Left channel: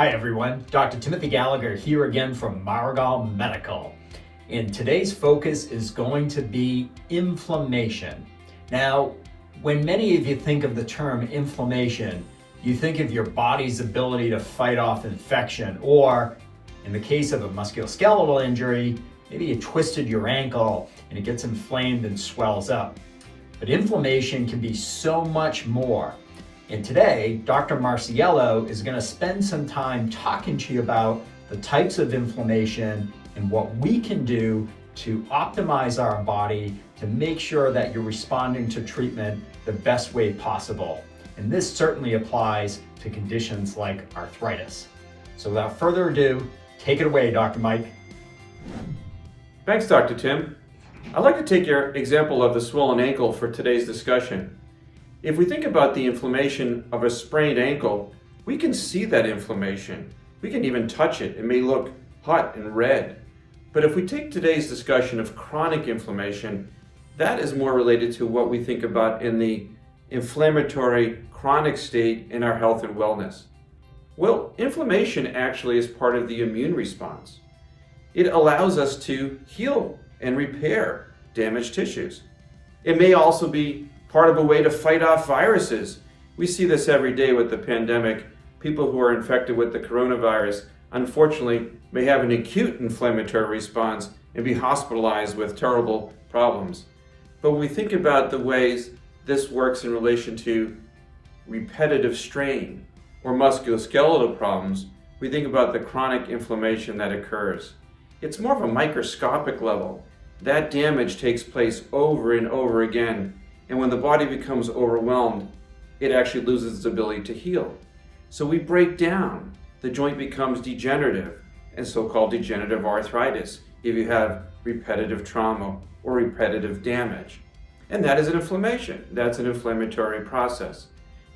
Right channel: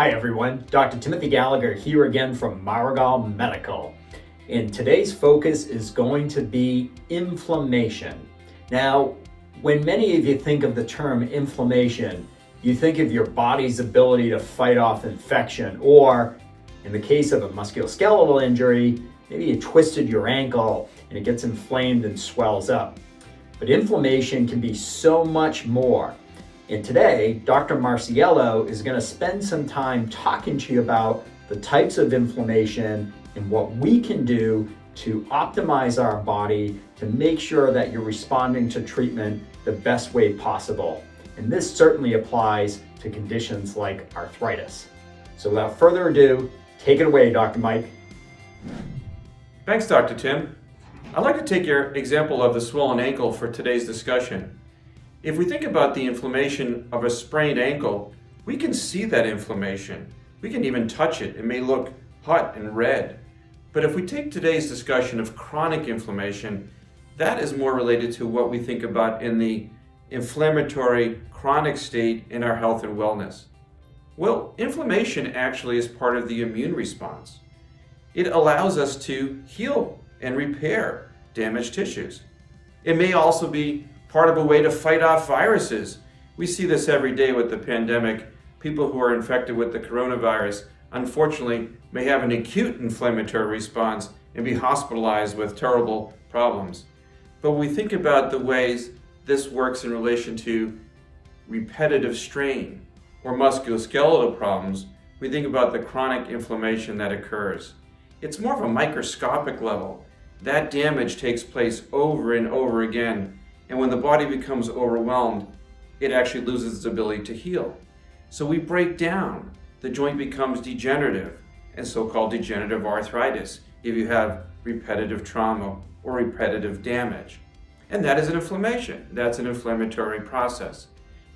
Hi everyone, Dr. Timothy Gallagher here again from Maragal Medical. And today's focus is going to be inflammation. Now, when many of you think of the term inflammation, you think of your body's ability to fight off infection, or in the case of a musculoskeletal injury, maybe you twisted your ankle and it gets inflamed and swells up. But inflammation can be so much more. And today, Dr. Marciello is going to spend some time talking to you about the types of inflammation and what we can do to optimize our body to make sure that you're responding to treatment the best way possible. And this certainly applies to conditions like arthritis. So without further ado, take it away, Dr. Mike. Thanks, Dr. Tim. I'd like to take your example of the swollen ankle for today's discussion. If we think about the inflammation of a sprained ankle, we can see that inflammation. We can even touch it. It may look hot and red. But if we take today's discussion of chronic inflammation, that is more related to what we think about in the inflammatory chronic state in our health and wellness. Well, inflammation actually is part of the immune response. It allows us to heal and repair damaged tissues. It may also be part of a way to fight off viruses. We see this every day with the pandemic. People who are infected with the coronavirus, unfortunately, may have an acute inflammatory response and be hospitalized with terrible problems. But when we think about the ways this works in relation to repetitive strain or musculoskeletal problems, we think about the chronic inflammation that occurs. It's more of a microscopic level. That damage takes place over and over again. And when the body becomes overwhelmed, it actually loses its ability to heal. So we break down. The joint becomes degenerative, and so-called degenerative arthritis if you have repetitive trauma or repetitive damage. And that is an inflammation. That's an inflammatory process.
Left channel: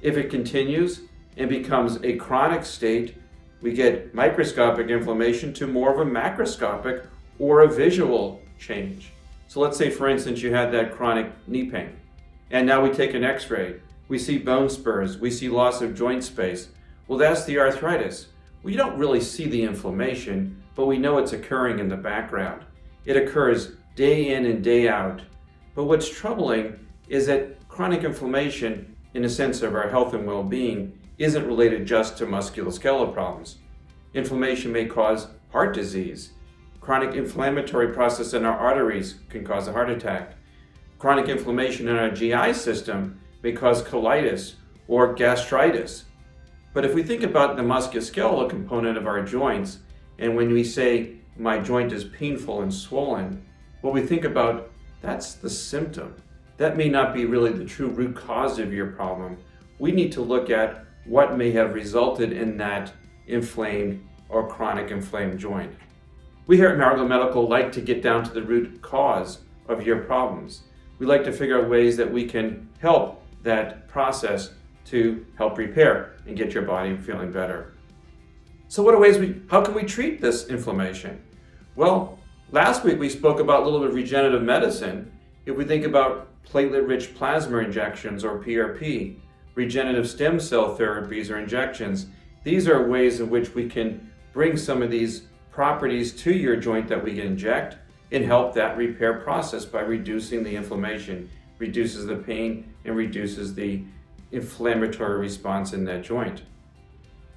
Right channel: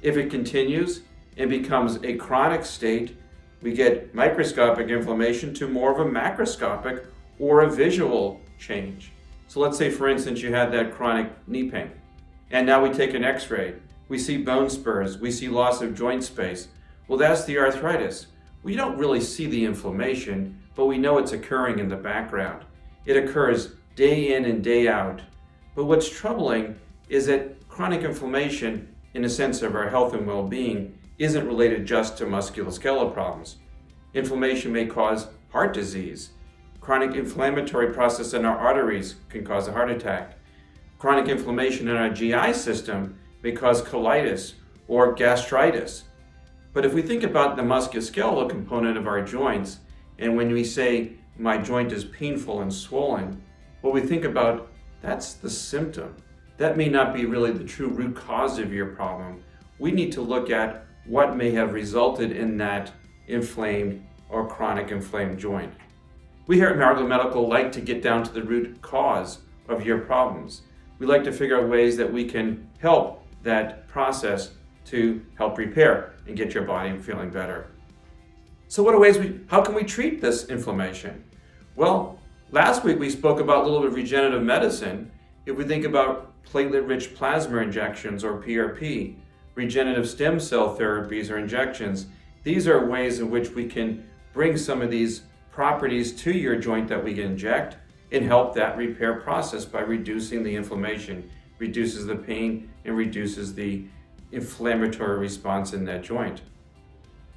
If it continues and becomes a chronic state, we get microscopic inflammation to more of a macroscopic or a visual change. So let's say, for instance, you had that chronic knee pain. And now we take an x-ray, we see bone spurs, we see loss of joint space. Well, that's the arthritis. We don't really see the inflammation, but we know it's occurring in the background. It occurs day in and day out. But what's troubling is that chronic inflammation, in a sense of our health and well-being, isn't related just to musculoskeletal problems. Inflammation may cause heart disease. Chronic inflammatory process in our arteries can cause a heart attack. Chronic inflammation in our GI system may cause colitis or gastritis. But if we think about the musculoskeletal component of our joints, and when we say my joint is painful and swollen, what we think about, that's the symptom. That may not be really the true root cause of your problem. We need to look at what may have resulted in that inflamed or chronic inflamed joint. We here at Maragal Medical like to get down to the root cause of your problems. We like to figure out ways that we can help that process to help repair and get your body feeling better. So how can we treat this inflammation? Well, last week we spoke about a little bit of regenerative medicine. If we think about platelet-rich plasma injections or PRP, regenerative stem cell therapies or injections, these are ways in which we can bring some of these properties to your joint that we can inject and help that repair process by reducing the inflammation, reduces the pain, and reduces the inflammatory response in that joint.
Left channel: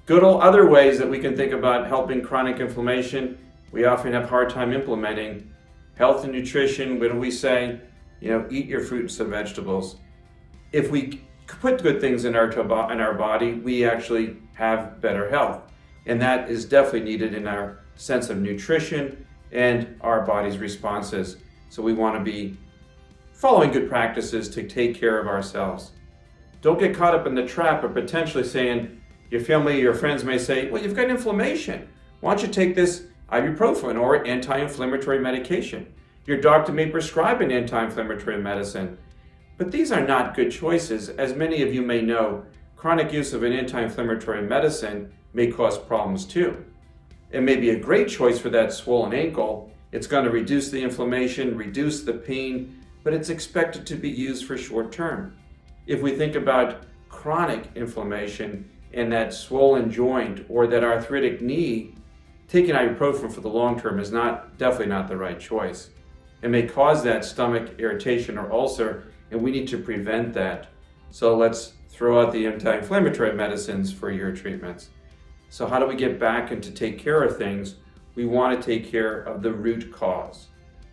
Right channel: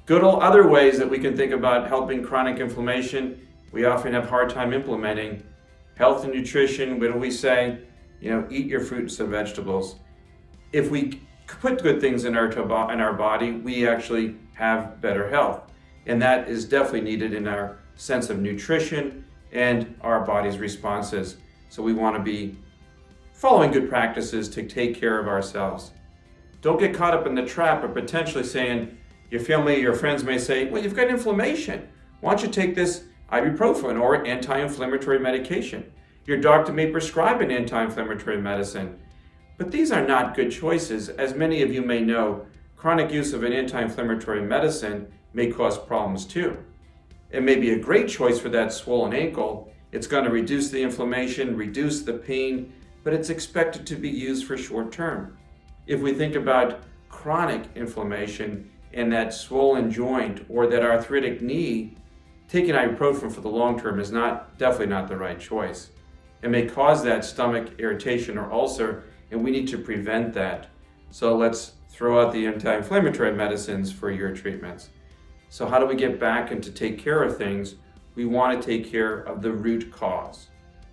Good old other ways that we can think about helping chronic inflammation, we often have a hard time implementing. Health and nutrition, what do we say? Eat your fruits and vegetables. If we put good things in our body, we actually have better health. And that is definitely needed in our sense of nutrition and our body's responses. So we want to be following good practices to take care of ourselves. Don't get caught up in the trap of potentially saying, your family, your friends may say, well, you've got inflammation. Why don't you take this ibuprofen or anti-inflammatory medication? Your doctor may prescribe an anti-inflammatory medicine. But these are not good choices. As many of you may know, chronic use of an anti-inflammatory medicine may cause problems too. It may be a great choice for that swollen ankle. It's going to reduce the inflammation, reduce the pain, but it's expected to be used for short term. If we think about chronic inflammation, and that swollen joint or that arthritic knee, taking ibuprofen for the long term is definitely not the right choice. It may cause that stomach irritation or ulcer, and we need to prevent that. So let's throw out the anti-inflammatory medicines for your treatments. So how do we get back and to take care of things? We want to take care of the root cause.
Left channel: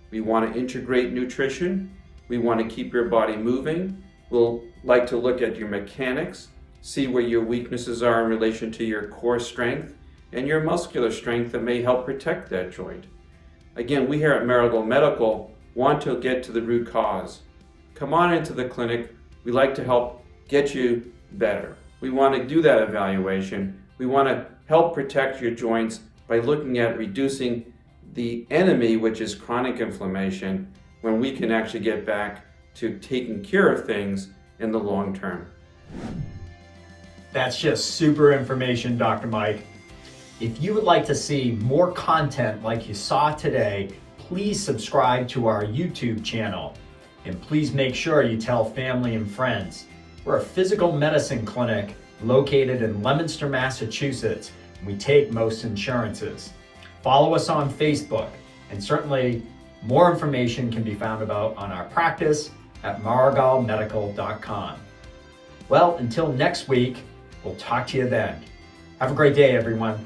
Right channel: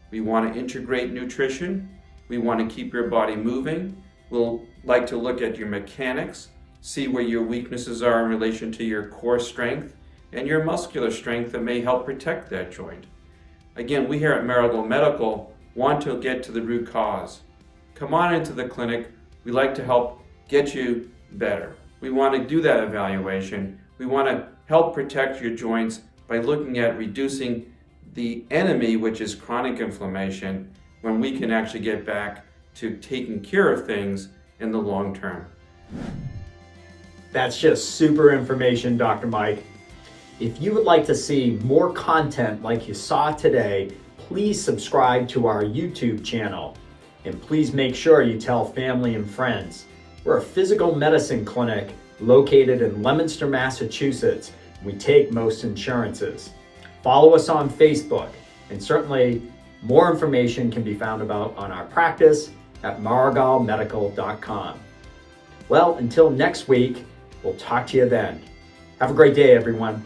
We want to integrate nutrition. We want to keep your body moving. We'll like to look at your mechanics, see where your weaknesses are in relation to your core strength and your muscular strength that may help protect that joint. Again, we here at Maragal Medical want to get to the root cause. Come on into the clinic. We like to help get you better. We want to do that evaluation. We want to help protect your joints by looking at reducing the enemy, which is chronic inflammation, when we can actually get back to taking care of things in the long term. That's just super information, Dr. Mike. If you would like to see more content like you saw today, please subscribe to our YouTube channel. And please make sure you tell family and friends. We're a physical medicine clinic located in Leominster, Massachusetts. We take most insurances. Follow us on Facebook, and certainly more information can be found on our practice at maragalmedical.com. Well, until next week, we'll talk to you then. Have a great day, everyone.